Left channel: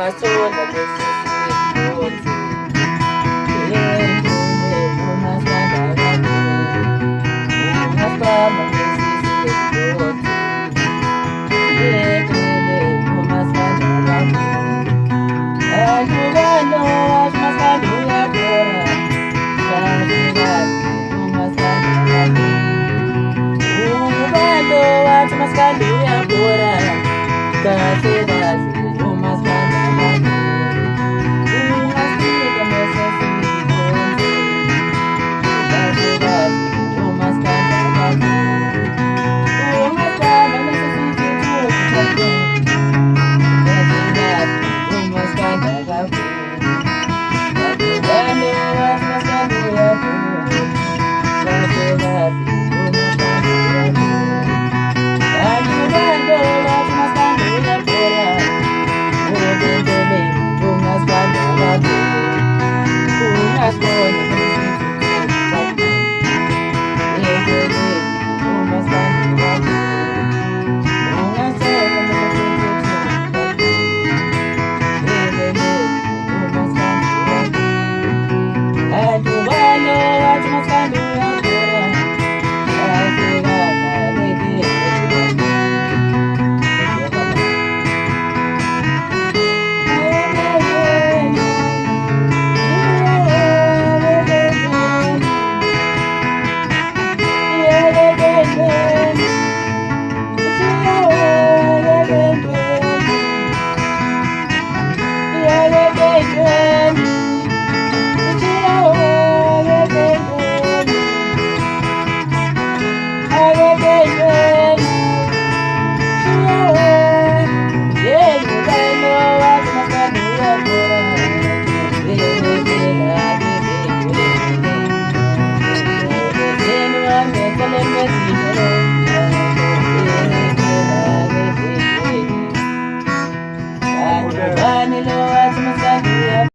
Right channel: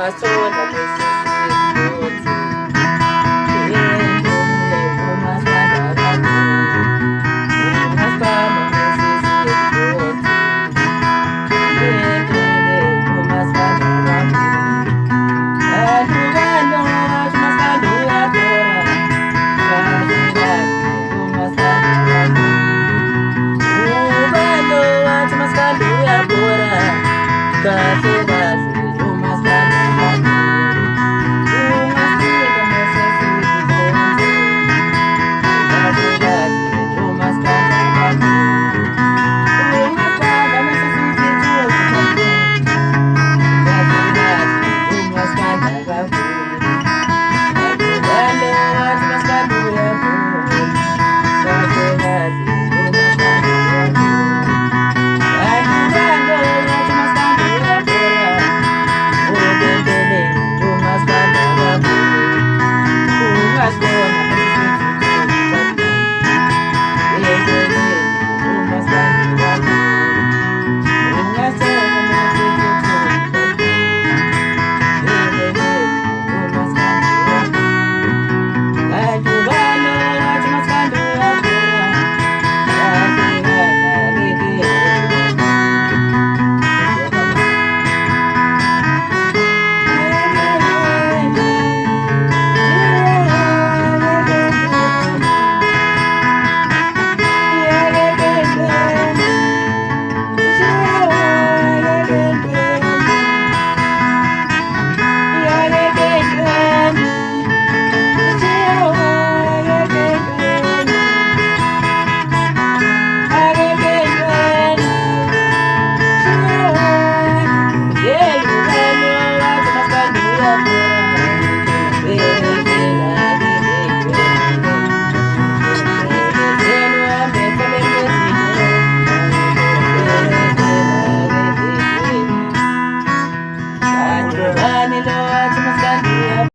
ungasola lesisigozi yendele umasanda kakhulu ungasibamba lesisigozi yendele umasanda kakhulu adukano asmasanda uyabora kakhulu umasanda kakhulu ubalo wathi masanda uyabora kakhulu umasanda kakhulu ungasika mesesigozi kakhulu umasanda kakhulu ungasibamba mesesigozi Masanda kakhulu adubalo wathi masanda uyabora kakhulu umasanda kakhulu adubalo wathi masanda uyabora ubendele umasanda kakhulu ungasibona yendele umasanda kakhulu ungasibona adubalo wathi masanda uyabora Yeah.